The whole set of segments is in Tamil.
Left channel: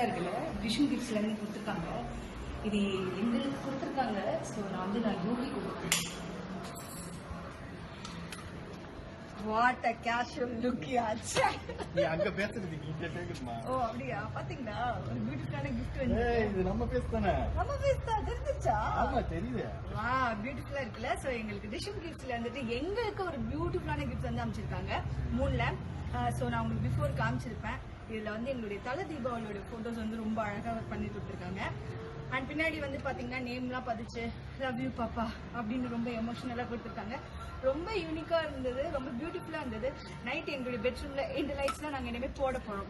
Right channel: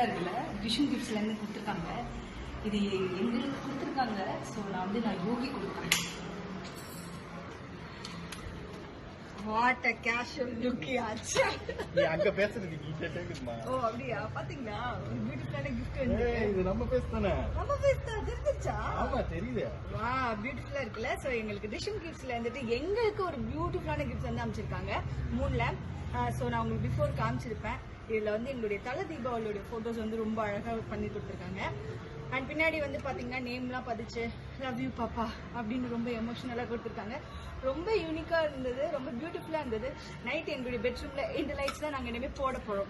பியூட்டிஃபுல்லா இருக்குல்ல. விஷன் கிஃப்ட்ஸ்ல இருந்து கொடுத்துருக்காங்க. இது எங்களுக்கு கொடுத்துருக்காங்க. ஸோ நான் யோகி கொடுத்தேன். வாட் அ கேஷுவல் லுக் ஆச்சு. நீ அங்க பேசுறது இங்க கேக்குமா? ஓ அப்படியா? பாத்தீங்களா பியூட்டிஃபுல்லான கிஃப்ட் வந்து. இது நம்ம பேசுதானே? நம்ம பேசுதா தெரிஞ்சுச்சா? ஆமா தெரியுது. வா பியூட்டிஃபுல்லா இருக்குல்ல. ஸோ எங்களுக்கு விஷன் கிஃப்ட்ஸ்ல வந்துட்டு எங்களுக்கு ஒரு பியூட்டிஃபுல்லான கிஃப்ட் வந்து அமைச்சிருக்காங்க 3ல. ஸோ நான் உங்களுக்கு பிஃபோர் காமிச்சிருப்பேன். இதுல வந்து எங்களுடைய தல தீபாவளியோட போட்டோஸ் வந்து ரொம்ப அழகாக பண்ணி கொடுத்துருக்காங்க. அண்ட் பின்னாடி வந்து பாத்தீங்கன்னா நேம்லாம் பதிச்சு லவ் யூ பாப்பா அப்படின்னு ரொம்ப எமோஷனலா கொடுத்துருக்காங்க. ரொம்ப யூனிக்கா இருந்தது, ரொம்ப பியூட்டிஃபுல்லா இருந்தது. நைட் எங்களுடைய பெட்ரூம்ல இந்த லைட்ஸ்லாம் நாங்க இனிமேல் போட போறோம்.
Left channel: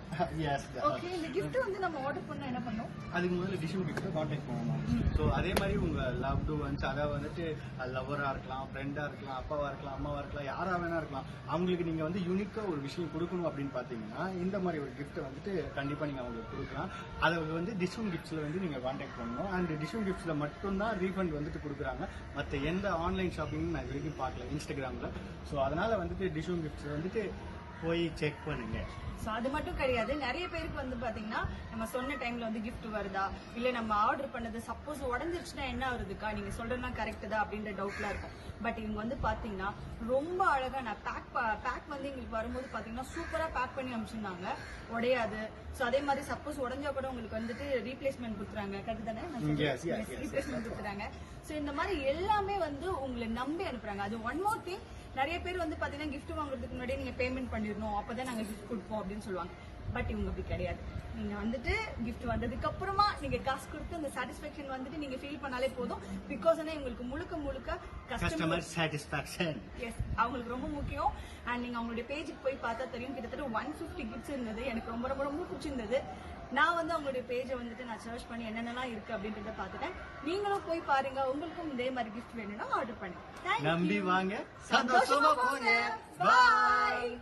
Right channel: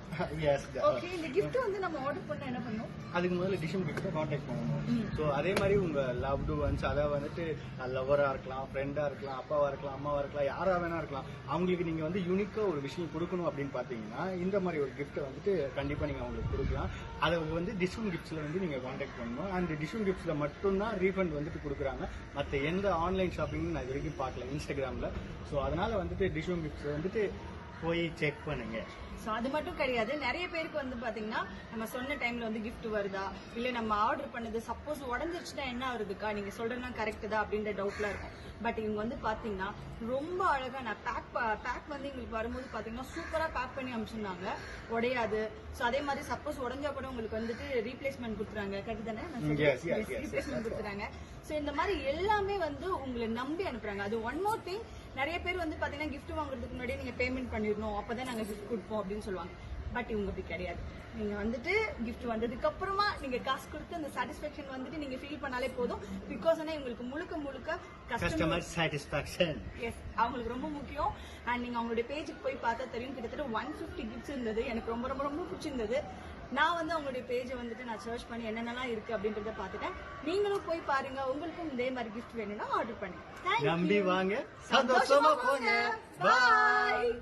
ஓகே, இந்த கிஃப்ட் வந்து நம்ம ஆர்டர் பண்ண என்ன பண்ணோம்? அதுக்கு முதல்ல டிஷன் கிஃப்ட் கான்டாக்ட் பண்ணணும். ஸோ அதே மாதிரி உங்க லவ்டு ஒன்ஸ் அதை வந்துட்டு லவரா இருக்கலாம், ஃப்ரெண்டா இருக்கலாம், அப்பாவா இருக்கலாம், அம்மாவா இருக்கலாம், யாரா வேணா இருக்கலாம். அவங்களுக்கு நீங்க வந்து யூனிக்கா ஒரு விஷயம் கொடுக்கணும் அப்படின்னு பாத்தீங்கன்னா இந்த மாதிரி ஒரு கிஃப்ட் வந்துட்டு கண்டிப்பா நீங்க அவங்களுக்கு கொடுக்கலாம். அதை வந்து டிஸ்கவுண்ட் கிஃப்ட்ஸ்ல வந்து நீங்க கான்டாக்ட் பண்ணணும். அண்ட் டிஸ்கவுண்ட் கிஃப்ட்ஸ்ல மட்டும்தான் ரீஃபண்ட் வந்துட்டு கொடுக்குறாங்க. மற்ற எந்த ஆன்லைன் ஷாப்பிங் நான் இது வரைக்கும் பார்க்கல இன்ஸ்டாகிராம்ல. ஸோ அதனால வந்துட்டு டிஸ்கவுண்ட் கிஃப்ட்ஸ் வந்துட்டு போய் செக் பண்ணுங்க. ஸோ அது மட்டும் கிடையாது, நிறைய பேருக்கு வந்து பாத்தீங்கன்னா நம்ம சொன்ன டைம்ல வந்து கிஃப்ட் வருதா, இல்ல நம்ம ஆர்டர் பண்ணது சப்போஸ் உடஞ்சிருச்சுன்னா என்ன வருதுக்கா, நீங்க சொல்றதுனா கரெக்ட் தான் அப்படின்ற டவுட்லாம் இருக்கும். பட் இவங்க வந்து பாத்தீங்கன்னா ரொம்ப அழகா நான் பேக் வந்து எங்களுக்கு வரும்போது பாத்தீங்கன்னா சூப்பரா பேக் பண்ணி அனுப்பிச்சிருந்தாங்க, உடையாது. ஸோ அதே மாதிரி சப்போஸ் உடஞ்சா கூட உங்களுக்கு வந்துட்டு ரீப்ளேஸ்மெண்ட் கொடுத்துறாங்க. கரெக்ட் தானே? ரீப்ளேஸ்மெண்ட் கொடுத்துறாங்க. ஸோ இந்த மாதிரி எல்லாமே வந்து உங்களை நம்பி அனுப்புறாங்க. அது ஒன் மோர் திங், நிறைய பேர் வந்து பாத்தீங்கன்னா கிஃப்ட் வாங்குறதுக்கு முன்னாடியே நீங்க பேமெண்ட் பண்ணிடணும், அப்பதான் நாங்க கிஃப்ட் கொடுப்போம் அப்படின்னு சொல்லுவாங்க. பட் இவங்க அப்படி கிடையாது. நீங்க வந்துட்டு கிஃப்ட் வந்ததுக்கு அப்புறமா நீங்க காசு கொடுத்து அந்த சாட்டிஸ்பேக்ஷன் வந்துட்டு நீங்க ஃபீல் பண்ணாலே போதும். பிகாஸ் இவங்களுக்கு முழுக்க கஸ்டமர் சாட்டிஸ்பேக்ஷன் எஸ் அவங்களுக்கு ரொம்ப முக்கியம். அண்ட் நீங்க அவங்களுடைய பேஜுக்கு போய் பார்த்தா தெரியும், கிட்டத்தட்ட 150 கிஃப்ட்ஸ் இருந்தது. எனக்கு ரொம்ப ரொம்ப ரொம்ப பிடிச்சிருந்தது. நான் வந்து அவங்களுடைய பேஜை வந்துட்டு நான் சர்ச் பண்ணி என்னென்னலாம் இருக்கு அப்படின்றத பார்த்துட்டேன். நீங்களும் போய் பாருங்க. உங்களுக்கும் இதே மாதிரி கிஃப்ட் வேணும்னா ஆர்டர் பண்ணி நம்பி வாங்க, சந்தோஷமா போங்க. பாய்.